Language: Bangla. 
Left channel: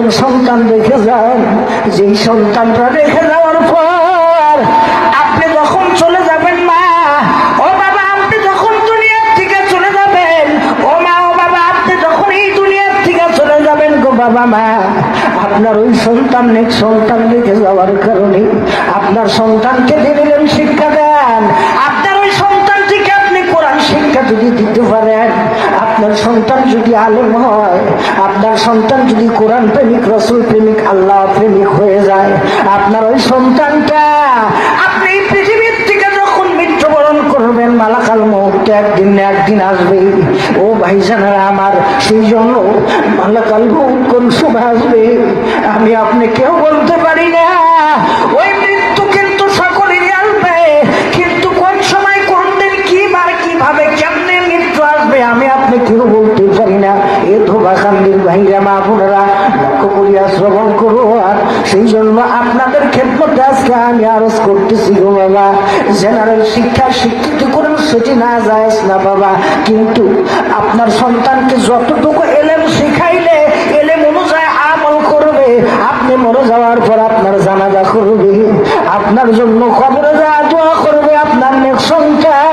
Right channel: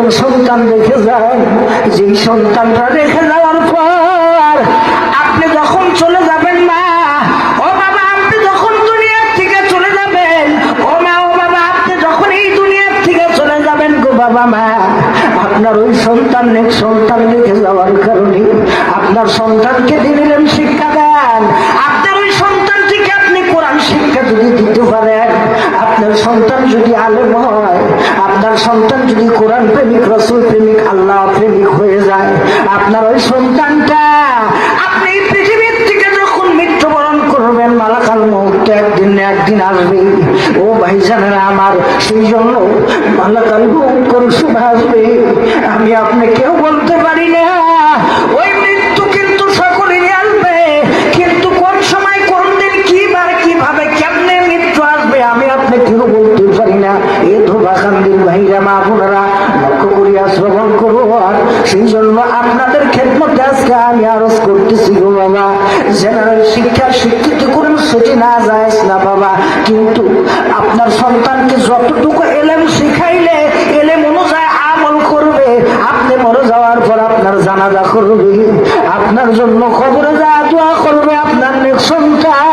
একজন সন্তান রেখে যায়, যেই সন্তানটা রেখে যাওয়ার পর আপনি যখন চলে যাবেন না, ও বাবা আপনি যখন দুনিয়ার থেকে চলে যাবেন, ও মা ও বাবা আপনি যখন এই দুনিয়ার থেকে চলে যাবেন গো বাবা মা, আপনার ওই সন্তান রেখে যাওয়ার কারণে আপনার সন্তানকে দিলেন শিক্ষা দেন। আপনার ওই সন্তান থেকে আপনি কোরআন শিক্ষা যদি দিতে পারেন, আপনার সন্তান যদি আলেম হয়, আপনার সন্তান যদি কোরআন প্রেমিক, রাসূল প্রেমিক, আল্লাহ প্রেমিক হয়ে যায়, আপনার ওই সন্তানটা আপনি পৃথিবীর থেকে যখন মৃত্যুবরণ করবেন, মালাকাল মউত একদিন না একদিন আসবে। ও ভাইজানেরা আমার, সেই জন্য মালাকাল মউত কোন সময় আসবে আমি আপনি কেউ বলতে পারি না। ওই মৃত্যু কিন্তু সকলেই আসবে, কিন্তু কোন সময় কোন দিন কিভাবে কেমনে মৃত্যু আসবে আমি আপনি কেউ বলতে পারি না। এ ধোবাকান্দির ভাইরা মা বোনেরা লক্ষ্য করিয়া শ্রবণ করো। সেই জন্য আপনাদের খেদমতে আজকে আমি আরজ করতেছি গো বাবা, জেনারেল শিক্ষা শিক্ষিত করুন সেটি না যায় না বাবা, কিন্তু আপনার সন্তানকে যতটুকু এলেম শিখাইলে এলেম অনুযায়ী আমল করবে, আপনি মরে যাওয়ার পর আপনার জানাজা করবে, আপনার জন্য কবরে যাওয়া দোয়া করবে আপনার সন্তান।